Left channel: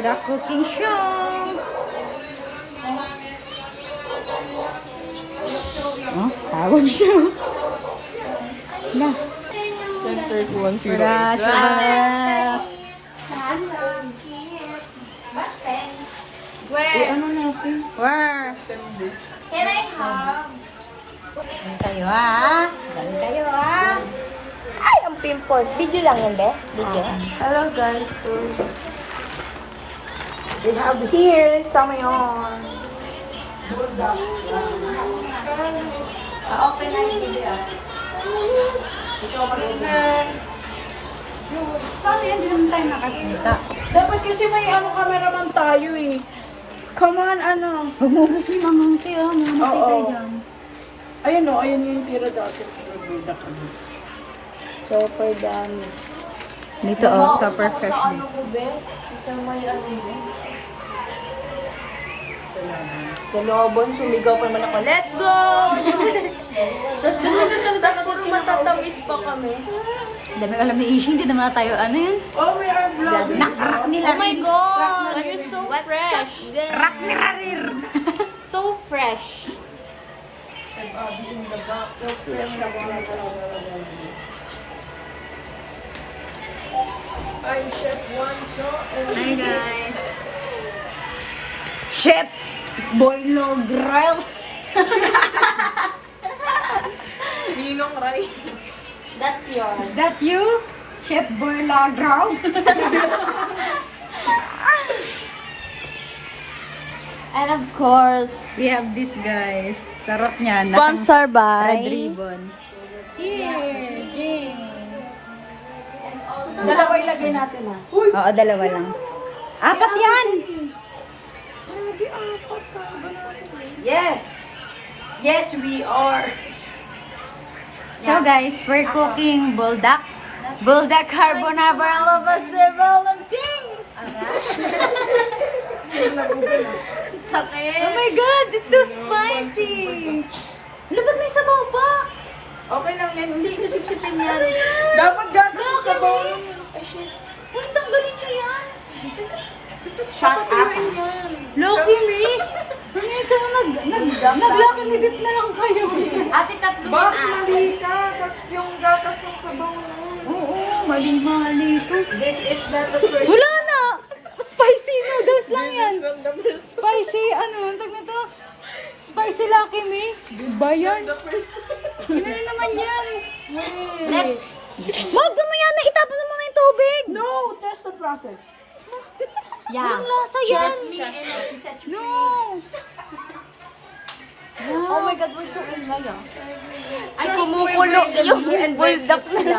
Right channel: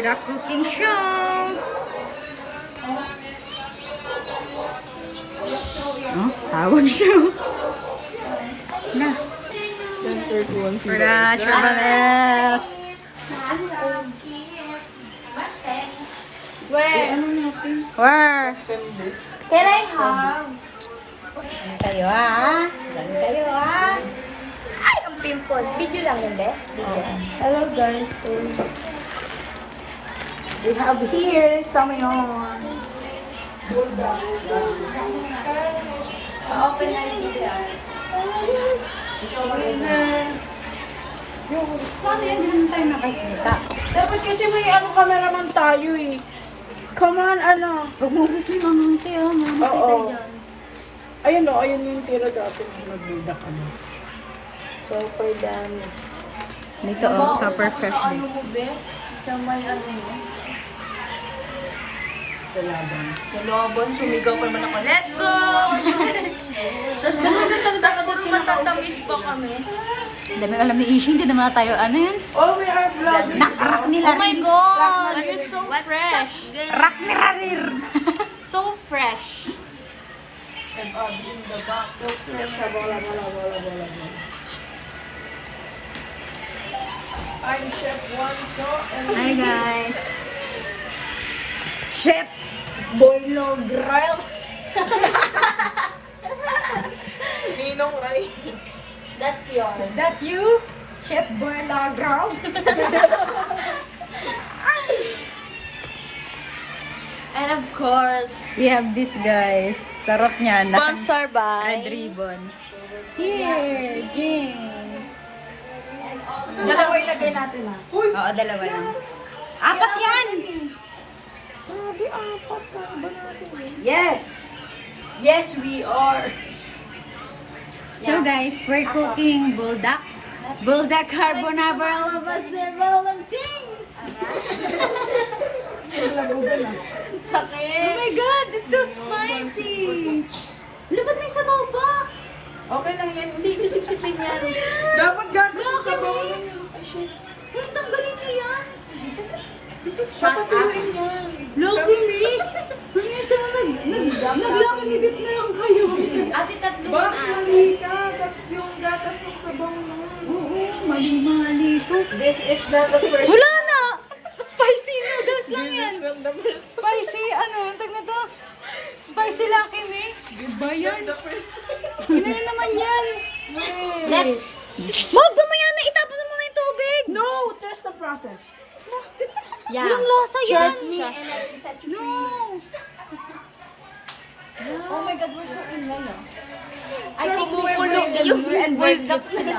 for the cooking show. Oh, tawag siya. Na. 10:31 For the Chabanes. Where? Where? Can I have? Galing kayo ah. Galing kayo ah. Ay, ang pimples. Video lang yan, be? Video. Hello guys, so we have here Samayon. Pa-open na rin video. Paano yan? Hindi naman tayo nakakita. Dapat kasi may cameraman tayo eh. Come on, Bumubos yung mamante oh. Mamante Oo. tayo dyan. Ayun o, ayun yung tira dati. Nagbudak ano. Super dami. Dito oh, super fresh din. Sa may ano mo? Sa laban. Sa lobon, sumigaw pa naman ako. Let's go! Tapos bigla siya puro matatamis pa kami. Dami alam ni Ishi, hindi naman tayo ano yan. Oh, we are vlogging. Nakarak nila Oh my rin. God! That is so fresh. Rak ni Rarir. So fresh. And in the box. So fresh. I'm Chef Wancho and Hi guys. Chef Boilo Grills. Ninong Rai. That's yours. Is that you? Chef Boilo Grills? And of course, We have this guys. Sarap niya. Nasang sponsor by red ribbon. Here. Dalawa ilagay natin ha. Oo, dalawa lang. Apat yan! Yes! Yes, we are. So guys, we're cooking buldak. Buldak carbonara lovable ng ting! Sakit. Oh my god, it's so spicy! Lubag na yung sabaw pa! Okay lang yan. Hindi, sisipsipin yan. Dapat gano'n sa bawang. Ay, shit. Ay, tanggalin mo yan! Papatuloy yan. Loki me! Minsan naglakamidip na lang kayo. Ate, tatlo Bakit din mali ka? That's yung gatas ng sabaw na. Oo, mali-mali ito. This is not the first. Wala na! Spicy noodles lang yan. Spicy, ano, tag na to? Spicy Lucky Me. Diba yan? Ano yun naman yan? Let's. Wag mamaya na, itapon mo muna yung tubig. No, trust the process. Yeah. Walang lasa yan. No. Oh my God, we're so ingay ah. Ay, kumukulo yung bulldog sila.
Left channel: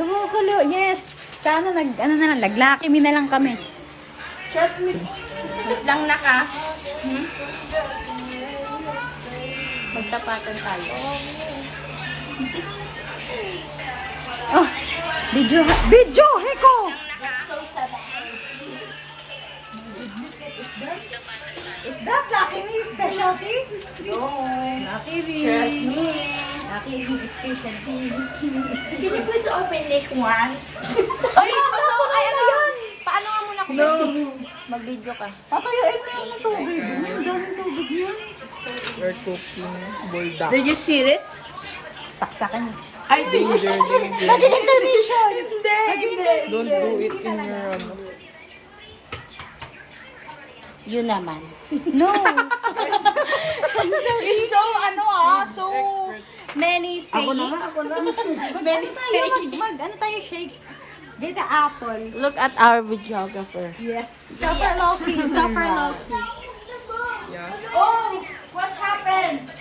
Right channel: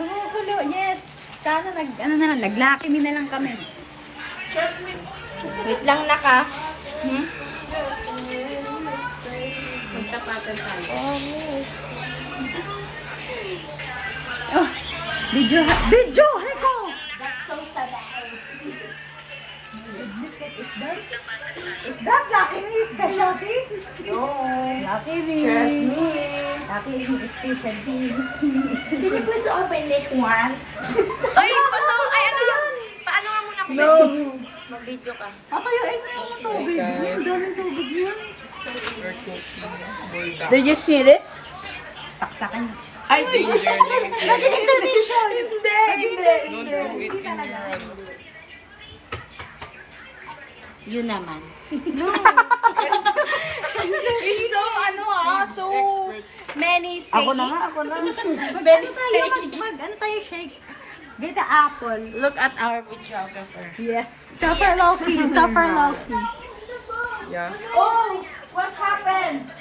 Kumukulo, yes. Sana ano na lang, Lucky Me na lang kami. Trust me. Wait lang naka. Magtapatan tayo. Oh, video, Heko! That's so sad. Is that Lucky Me specialty? No. Lucky Me. Trust me. Lucky Me specialty. Can you please open this one? Ay, ay, ano yan? Paano nga muna ako No. mag-video ka? Patuyuin mo yung tubig. Ang daming tubig niya. We're cooking buldak. Did you see this? Saksakan. I think Naging intervention. Hindi. talaga. Yun naman. No. You're so, so many Ako na nga, ako na. Many Ano tayo shake? Get the apple. Look at our videographer. Yes. Super low-key. Super low-key. Yeah. Oh, what happened?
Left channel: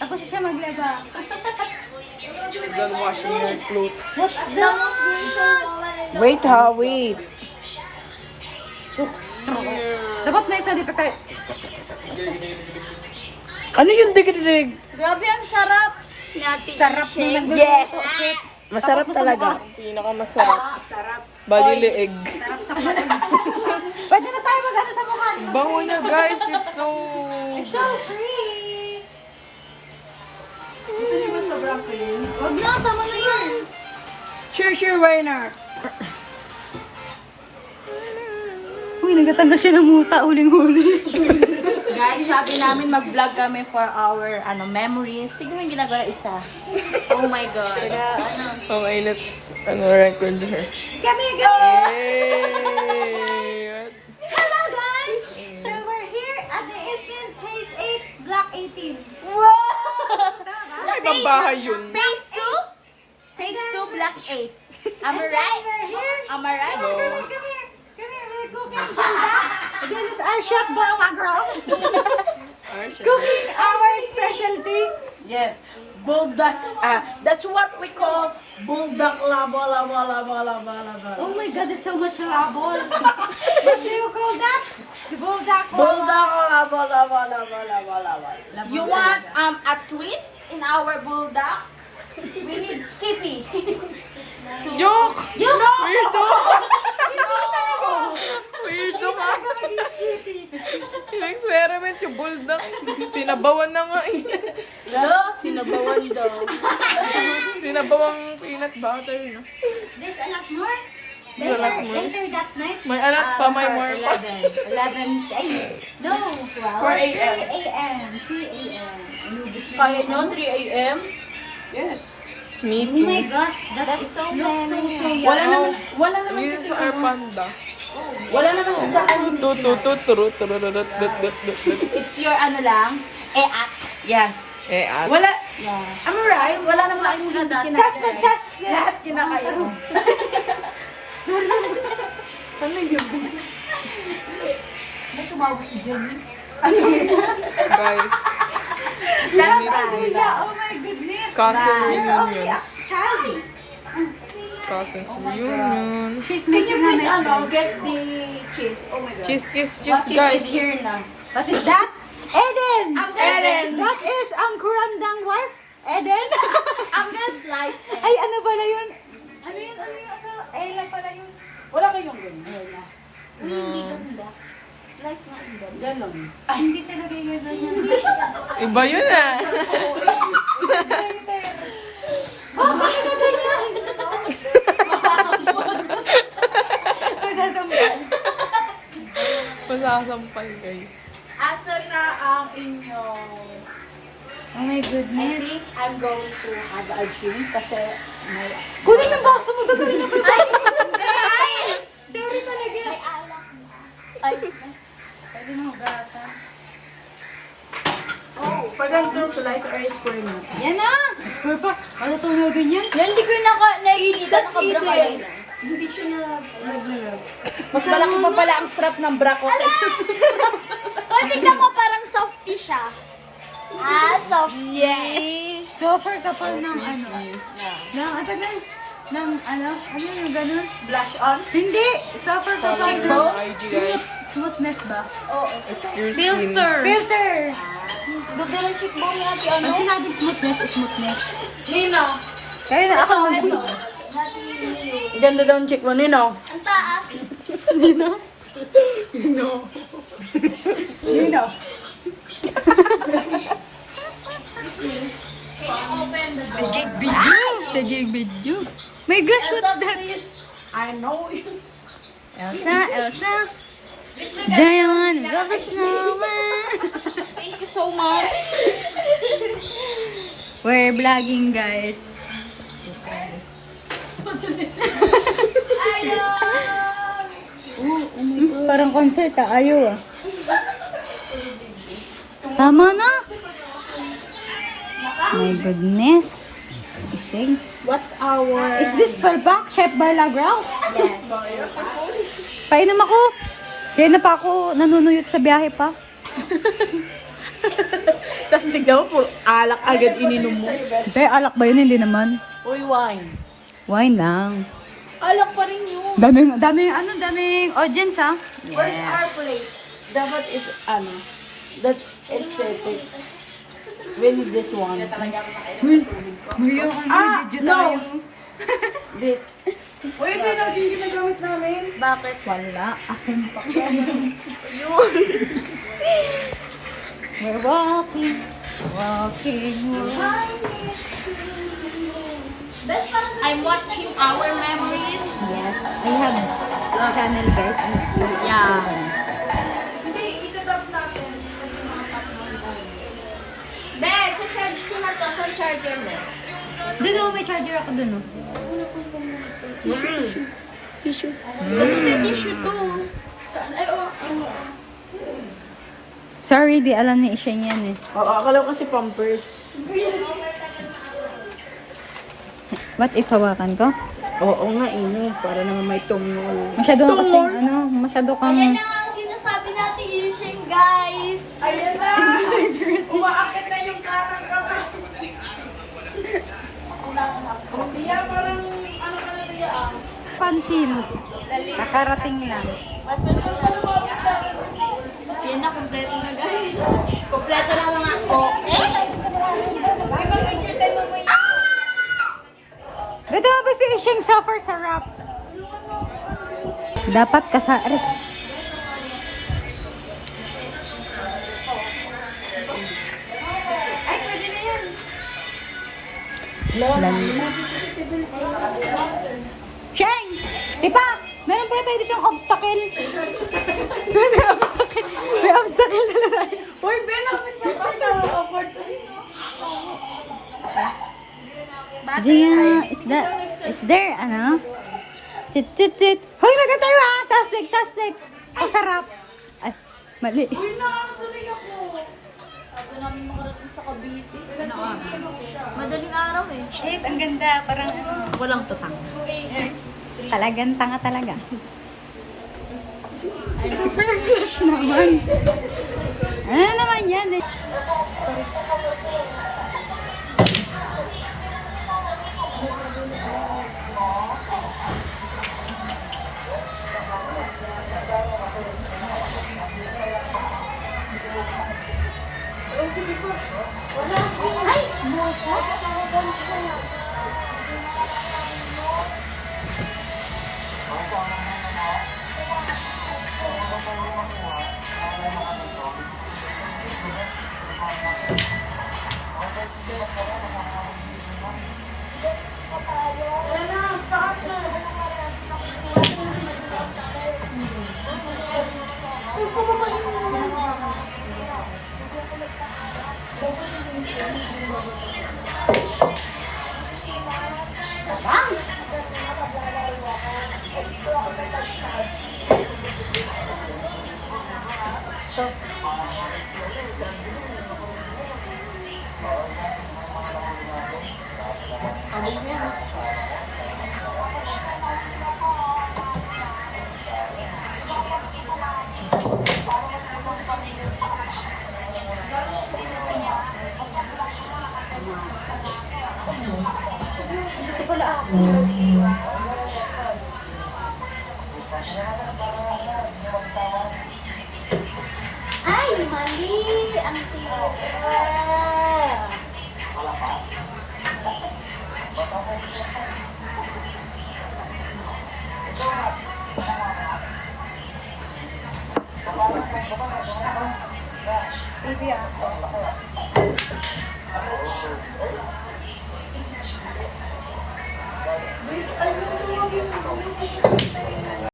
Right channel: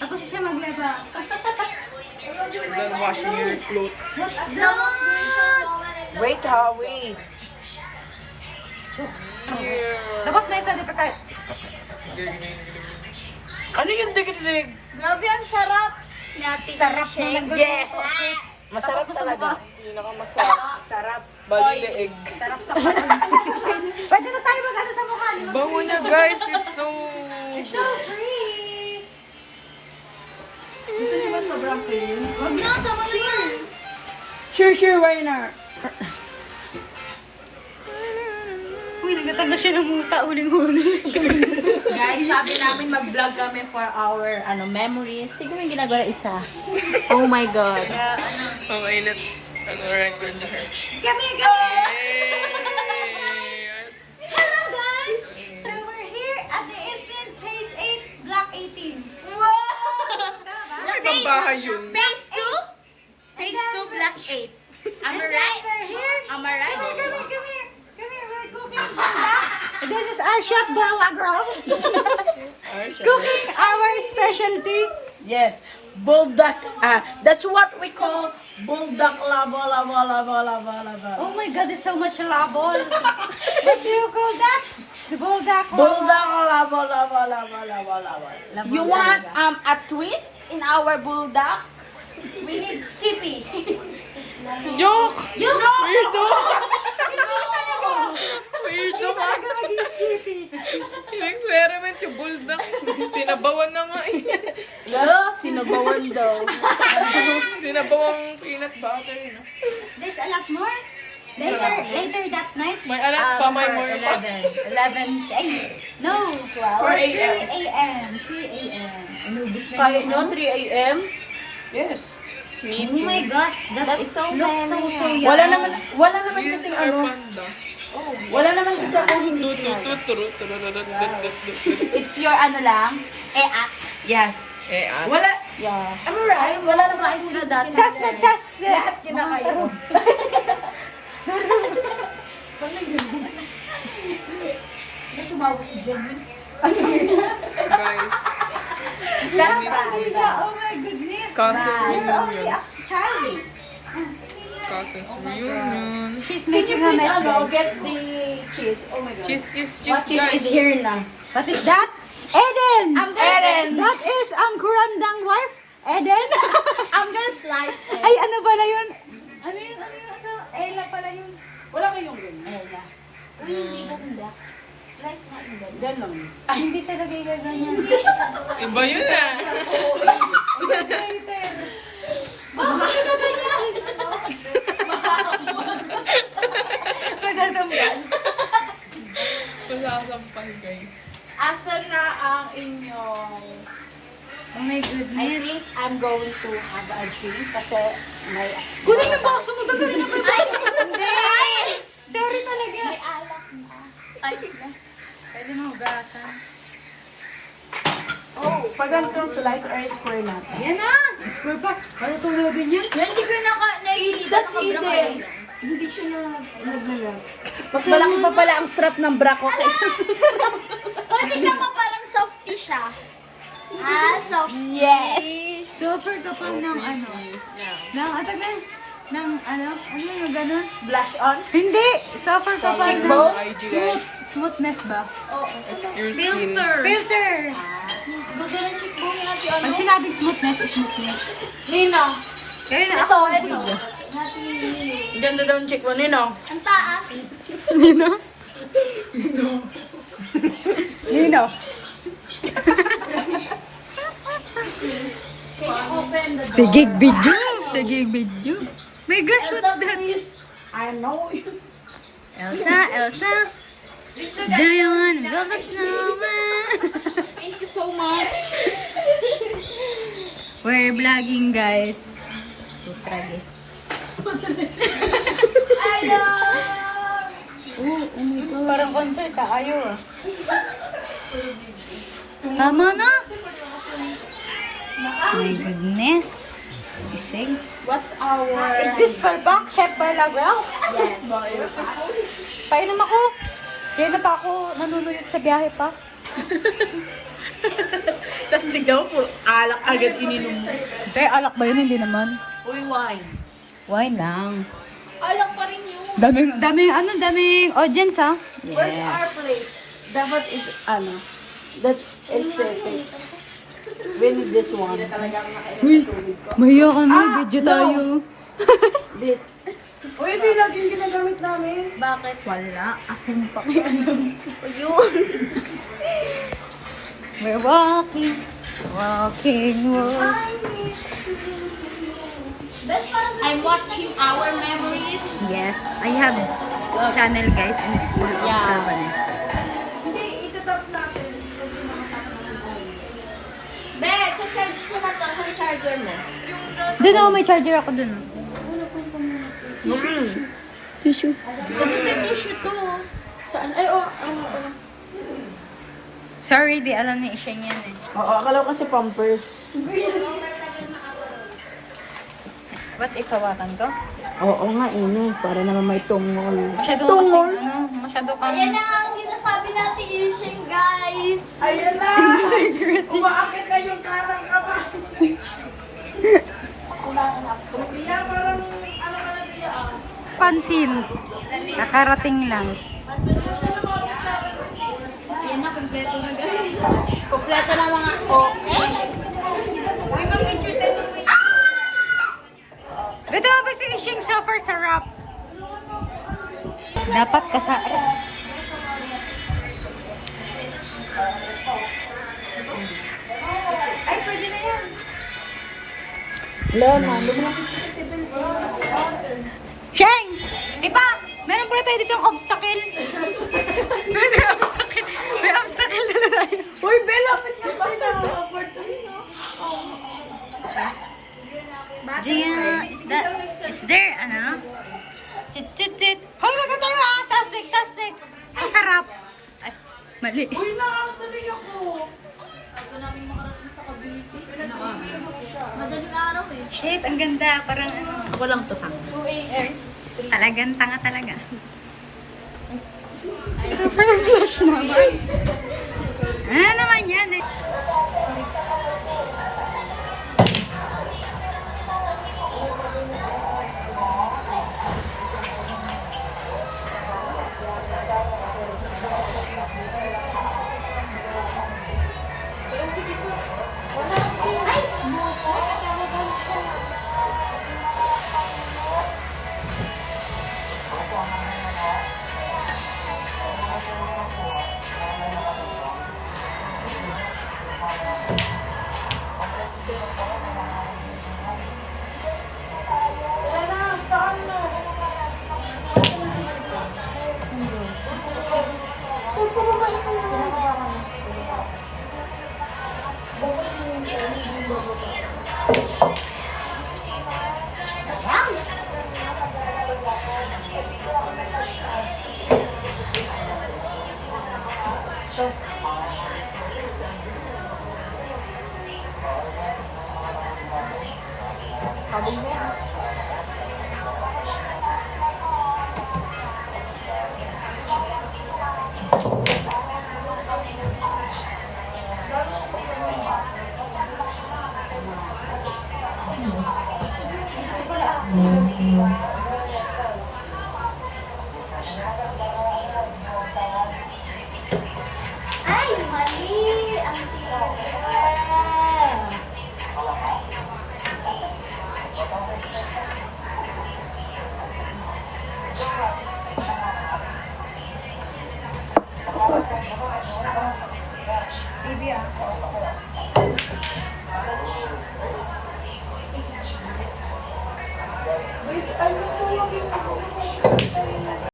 Tapos siya maglaga. Done washing your clothes. What's that? Wait ha, wait. Dapat may isa dito kay... Ano yung dig-dig? Grabe, ang sarap. Sarap Yes! Masarap talaga. Pinakamasarap. Sarap. Bali leeg. Sarap sa kanin. Pwede na tayo mag-ano sa mukha niyo. Bango niya guys, it's so... So free. Hindi ba sobrang clean? Huwag na, tama mo yan. Sure, why not? Uy, nagtatanggal siya ng muta, huling-huli. Guys, sabi namin mag-vlog kami for our memories. Tignan mo yung ginagawa isa. Oh my God. Okay, let's record here. Kami, Hello guys! So we're here at the Eastern Phase 8, Block 18. Wow! Tama ba? Ay, babahay yun. Phase 2? Phase 2, Black 8. Am I And then right? we're here. Am I right? Come here. Come here, we're cooking buldak. This is our chef, Bola Girls. Cooking our specialty. Yes. Bulldog. That's what we call bulldog lava. Oh my god, there's so much labol. What do you call that? Buldak. Bulldog lava. You want a twist in our bulldog? We need Skippy. Joke! Yung Weirdo! Hindi Weirdo ka! talaga maging skippy. In-experiment yung bulldog. Sinabawan na nga eh. Lalo, sinubuan daw. Sinabawang peanut butter. No? There's a lot more. There's a lot more. Later that night. May anak pa, may more pa. 11. Ay, No, 4 or 3 a.m. a.m. 3 a.m. Inubos na Kaya yun. nyo, 3 a.m.? Yes. Me Oh my too. gosh, that is looks so yummy. Wala naman We kasi use our panda. Wala naman kasi akong It's your lang, at. Yes. Eh, at. Wala, Yeah. am I right? Wala naman akong Sus, nagsus. Lahat kinakain. Ano yun? May tumawa si Jenny. Guys, That's bad. Lisa, oh my goodness. cousin You're only a reunions. child. Cousins reunion. She's Can you making a please mess. get the cheese? Oh my God. Cheese, What cheese guys. is here now? What is that? Eden! Eden! That is ang kurandang wife, Eden. I'm gonna slice it. Ay, ano pala yun? Ano yun? So, Ella pala yun. Wala kayong ganyan. Ella. Uy, hindi ganda. Slice na ang ganda. Ganon. Ay, hindi talaga yung ganyan. Iba yun ah. Later. Bakit na ganyan? Masasambal. Masasampal guys. Asan na ang inyong... Oh my I goodness. think I'm going to have a drink kasi may... Kunin yung baso mo. Gagawin mo. Sorry talaga. Pwede mo hugasan. Oh, pag ganito slice or square natin. Yan na! Score pa. Ano tunogin yan? Yan, hindi ko naiinit. That's hidden. Hindi siya na naglalaro. Mas malaki pa pala ang strap ng bra ko kaysa sa strap. Tingnan mo, parang softy siya. Soft. Yes! Super kapal ng ano. Ng atagan. Ng ano? Ano yung ganun? Blush on. Hindi! Super kapal Follow ng my IG guys. smoothness ba? It's your skin. Filter! Ganda ng cheekbone ni Ate Pag sinabing smoothness, smoothness. Nino. Kaya na. Ito. Natin yung Ganda daw ang chick mo, Nino. Ang taas. Nino? Nino. Nino? Sige, video! Sige, video! My gosh, what's that? I know. Elsa! Do you wanna build a snowman? Thank you so much. We're vlogging, guys. Tragis. Oh my God. Parang concert ayaw ah. Tama na! My goodness. Gising. What's our... Is this Barbak? Chef Balagraus? Yes. Painom ako. Kaya na pa ako nanunuyot sa biyahe pa. Tapos tignan mo, puro alak agad ininom mo. Hindi, alak ba yun? Hindi naman. Uy, wine. Wine lang. Alak pa rin yun. Daming audience ha? Where's our plate? Dapat is, that aesthetic. We need this one. Uy, mahiya ka na. Video no. tayo. This. Uy, ito yung laging ginagamit namin. Bakit? Wala. Akin pa. Yun. We're walking. Walking. I'm watching our memories. Yes, I have channel guys. And it's really Yeah. fun. Hindi, itatap natin. Kasi mga tatlo tayo. Be, charge ko na to sa charger mo. Dito ako may charger ako dun. Oh. Ito yung tissue to. Saan? Ay, oh. Sorry, di alam ni Isheng yan eh. Oo, akala ko kasi pampers. Ba't ikawakan ko? Oo nga, para naman may tungol. Masyado Tungol? kasi, masyado kang... Ayan na nga ang sinasabi natin, Isheng, guys. Ayun na! Umaakit na yung karang kamay. Kaya parang, ano ka na kaya? Pansin. Nakarating lang. Yan na, kompleto na guys. Kompleto na mga Huwag mong entertain mo yung... Ito ba si Isheng suffer sa rap? Dapat kasait. Ay, pwede na yan. Sheng! Ipa! Meron pa tayo ditong obstacle. May obstacle na tayo. Uy, Ben, lapit na ba? Opportunity. Gia, is there, ano? Chit. Hoy, nagkatayo ah! Saswig! Pasarap! Ay, mali. Uy, nakakatuloy ako. Bago namin makarating sa Cavite. Madaling araw eh. Shit, ang ganda. Parang ano. Walang tutang. Talagang tanga talaga. Super flash naman. Ano naman yan eh? Ay, mali! Ang tigas. Baby ako.